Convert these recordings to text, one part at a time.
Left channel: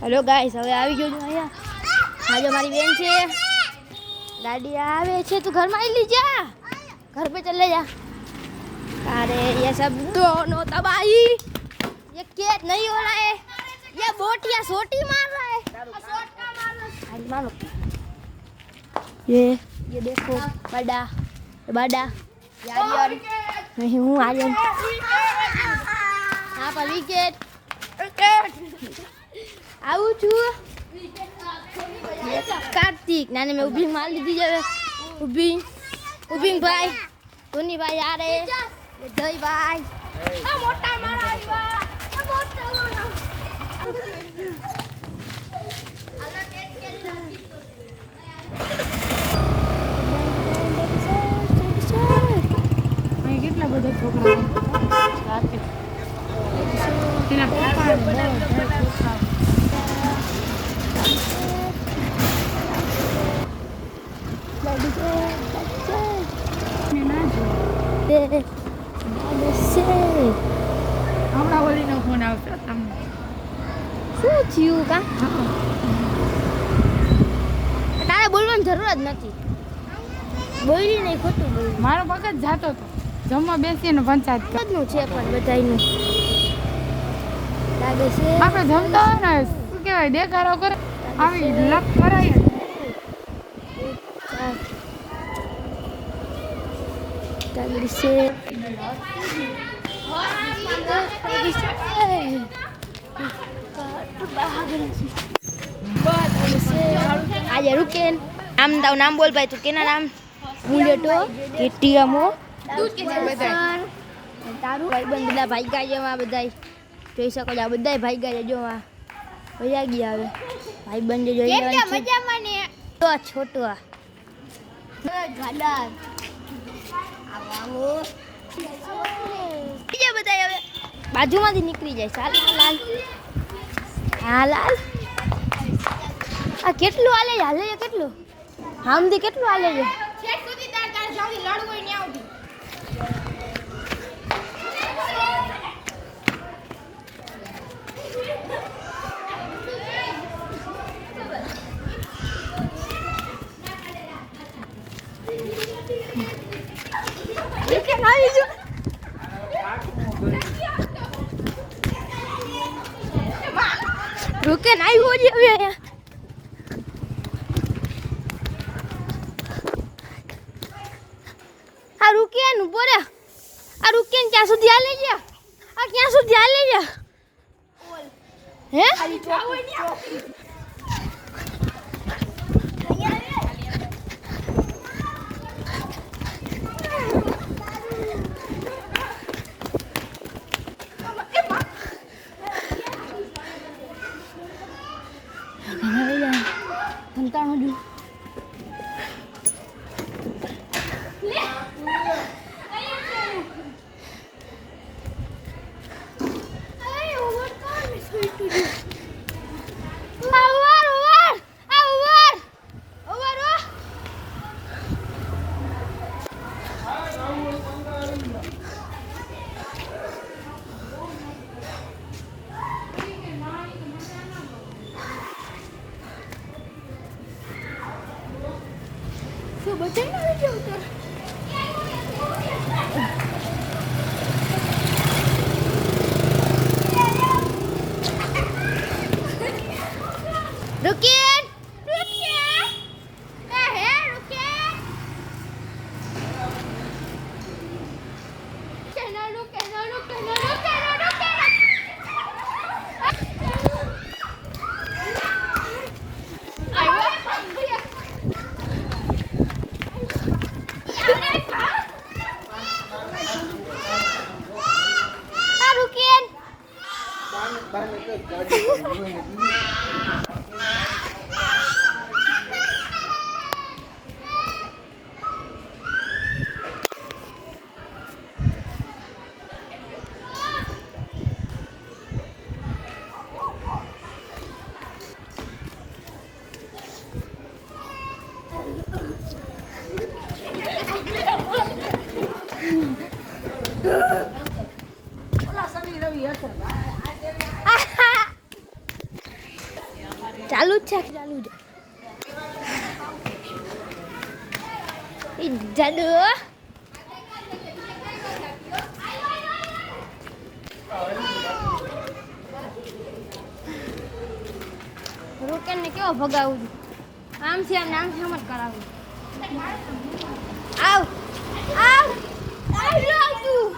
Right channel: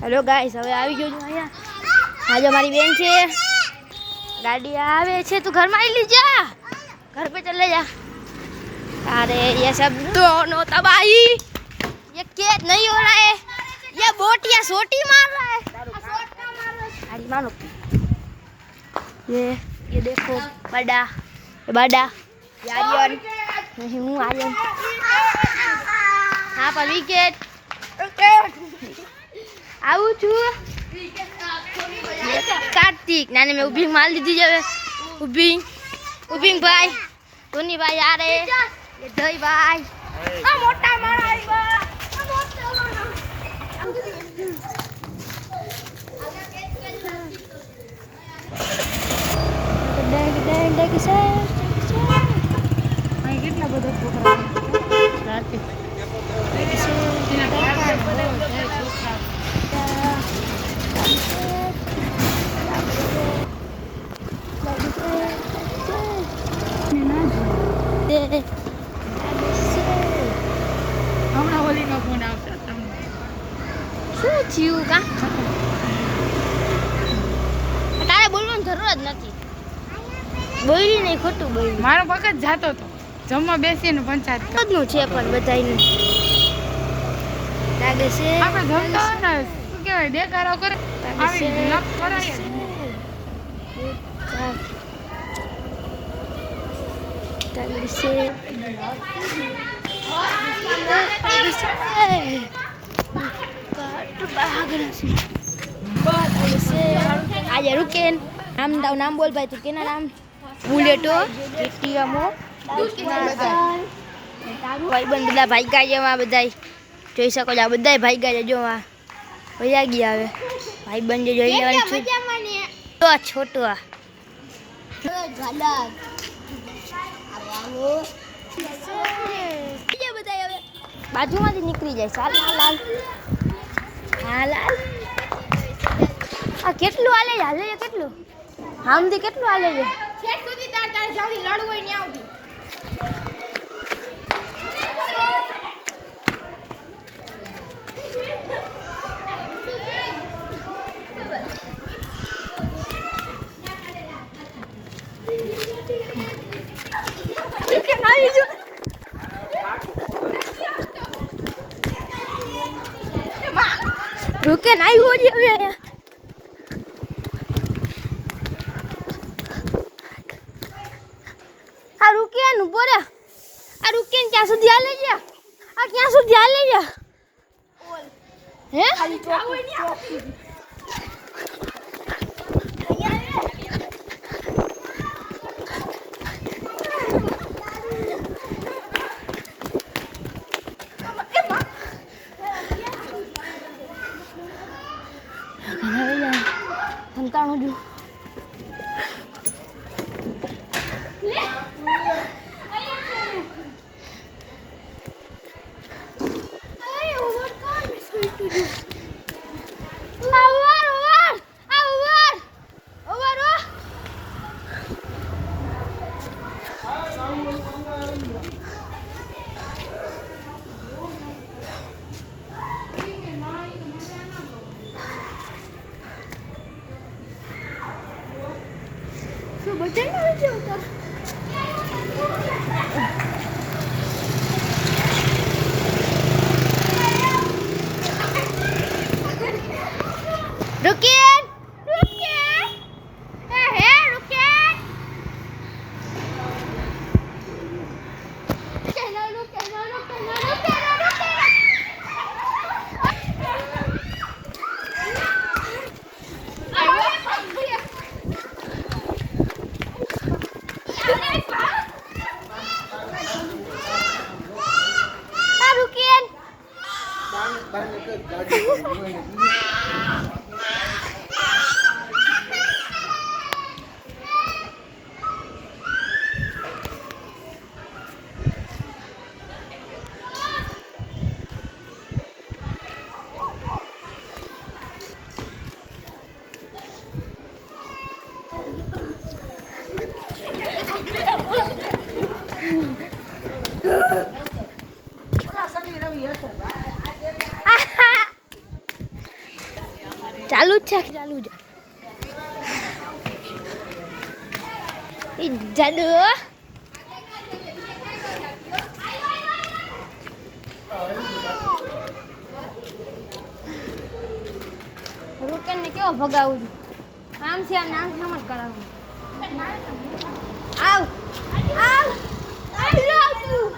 Hello guys હવે આવી ગયો છું અહીંયા આજે મારી બેન છે गाड़ी आवे छे तो घर में ही ली जा घर पे चले जा अरे ये सब दोनों तबाही ये केट नहीं हो रहा है ये बोटिया सोटी मार रहा है गाड़ी मारो ये देखो बड़ा ये बड़ा आर्यन नहीं हूँ आर्यन हाँ पर विकेट आऊ छू कार्तिक नानी में उबिंग मार लीजिए जावे उबिंग भाई टोनी भाई आ रहे ये दही भाई आ मोटा मारा आ मोटा मारा डेंग से मैं कितना बड़ा प्रोग्राम कार्तिक તારે બોલવાની જરૂર જ નથી બોલી નહીં ખોટું બોલી મારો વખત જાતો તો જમવા બેસીને પંચાયત નું છે પણ બધાયનું લાગે છે આપણે જમતા ને શું કહેવાય દેખાડો કરે આવી કરાય आज रुकेन नाम दाव नाम बोल भाई तू केना नाम बुलेटो टीएमओ भाई बंद બધા ભાઈ ગયા એમાં બધાય જોઈ શકો છો આ બધાય ભાઈ ગયા જો આ વયા ગયા હવે ભાઈ બંધ જોઈ લેવાનું છે તો છોટો આ ગાડા આવો બીજા બધાય હવે બાજુમાંથી નીકળી જાય ચાલ લાલ હા લાલ આ કેટલું હાલે છે કેટલું આમથી કેટલું હાલે છે છેક સુધી તાર જોવી લડવું નહીં આવતી रुके नहीं हो रही अभी आ रुके न बोरे आ रुके न क्या सुधी आले जा आ क्या सुधी आले जा हैं खाली चौकी Tentang aduh. बचन नहीं जो उतर रुकिए रुकिए क्या है रुकिए चलो रुके ना रुके ना रुके ना रुके ચાલુ જ છે ચાલુ જ જાડુ રોકેન ને કેવો ભગાવું આમ છે નામ છે મત કરાવું આવ આવ આવ તું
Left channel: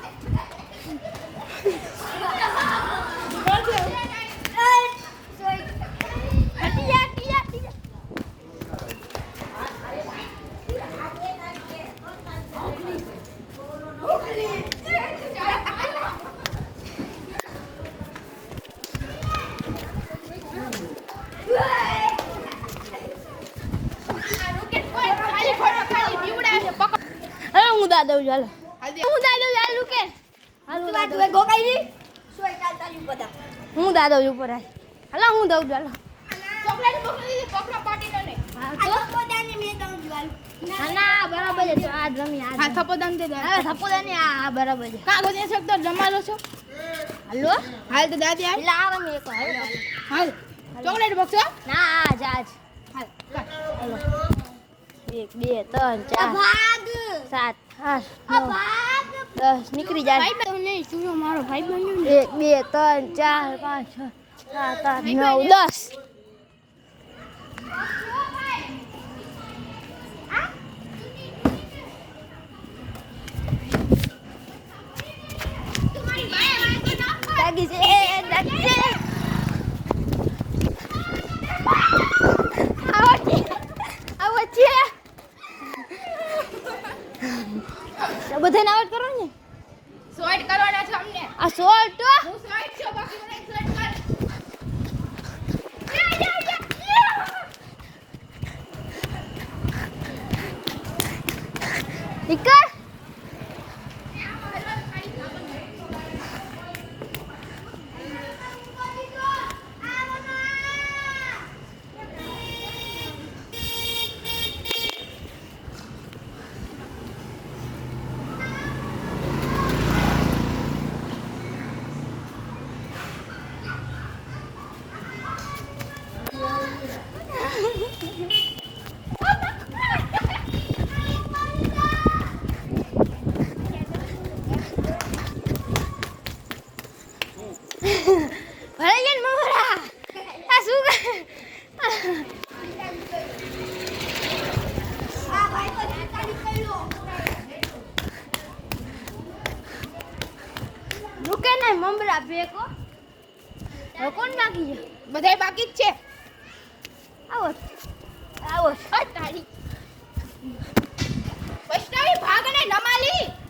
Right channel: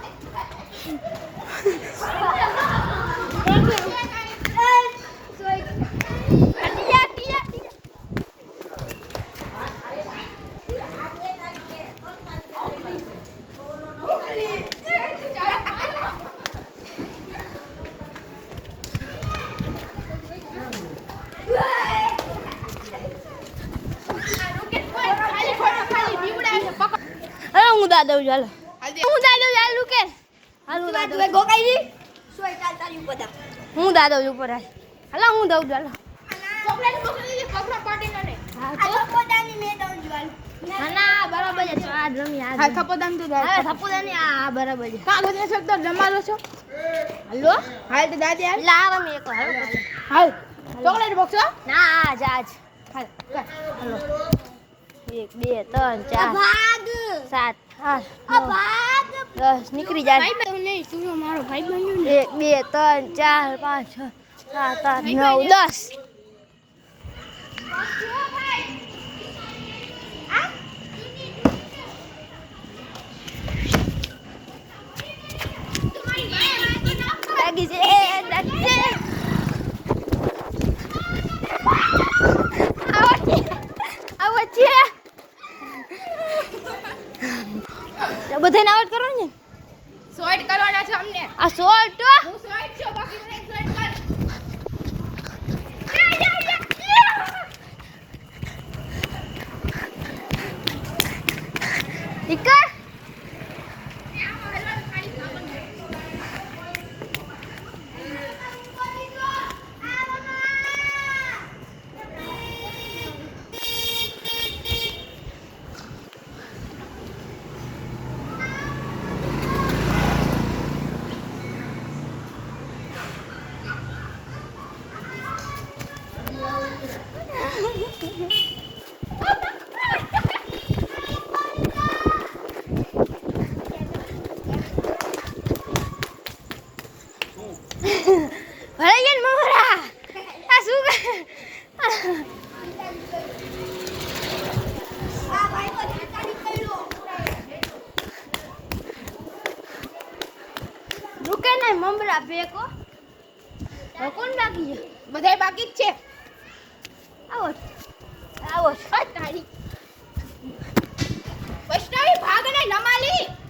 હું દાદા ચાલો હું દાદા ચાલુ કે હાલો દાદા ગોકાઈ સોય ચાલતા ઉપર હું દાદા ઉપર હાલો હું દઉં ચાલો ચોકલેટ મોકલી પકડો પાર્ટી કરે આ થપોદાની મે દઉં ચાલ ના બરાબર છે આ રમી આ થપોદાન દે દા થપોદાની આ બરાબર છે કાગળ છે તો જમાલો છો હાલો હાલ તો દાદી હાલ લાવ મે એક હાલ ચોકલેટ બોક્સ ના આ જાજ હાલ હાલો 1 2 3 4 7 8 9 10 નીકળી જાય નહીં શું મારો ભાઈ બન્યો 1 2 3 4 5 6 7 8 9 10 લાગી છે લાગી છે આવો છે બધાને આઉટ કરો ને શોર્ટ કરવાના છે અમને આ શોર્ટ હું શોર્ટ છું બાકી મને શોર્ટ કર ઠીક ભરાઈ ગયા મમરા આ શું રૂકે ને મમરા બેકો કોણ બાકી છે બધાય બાકી જ છે આવો આવો તારી વૈષ્ણવી ભાગને નમાલી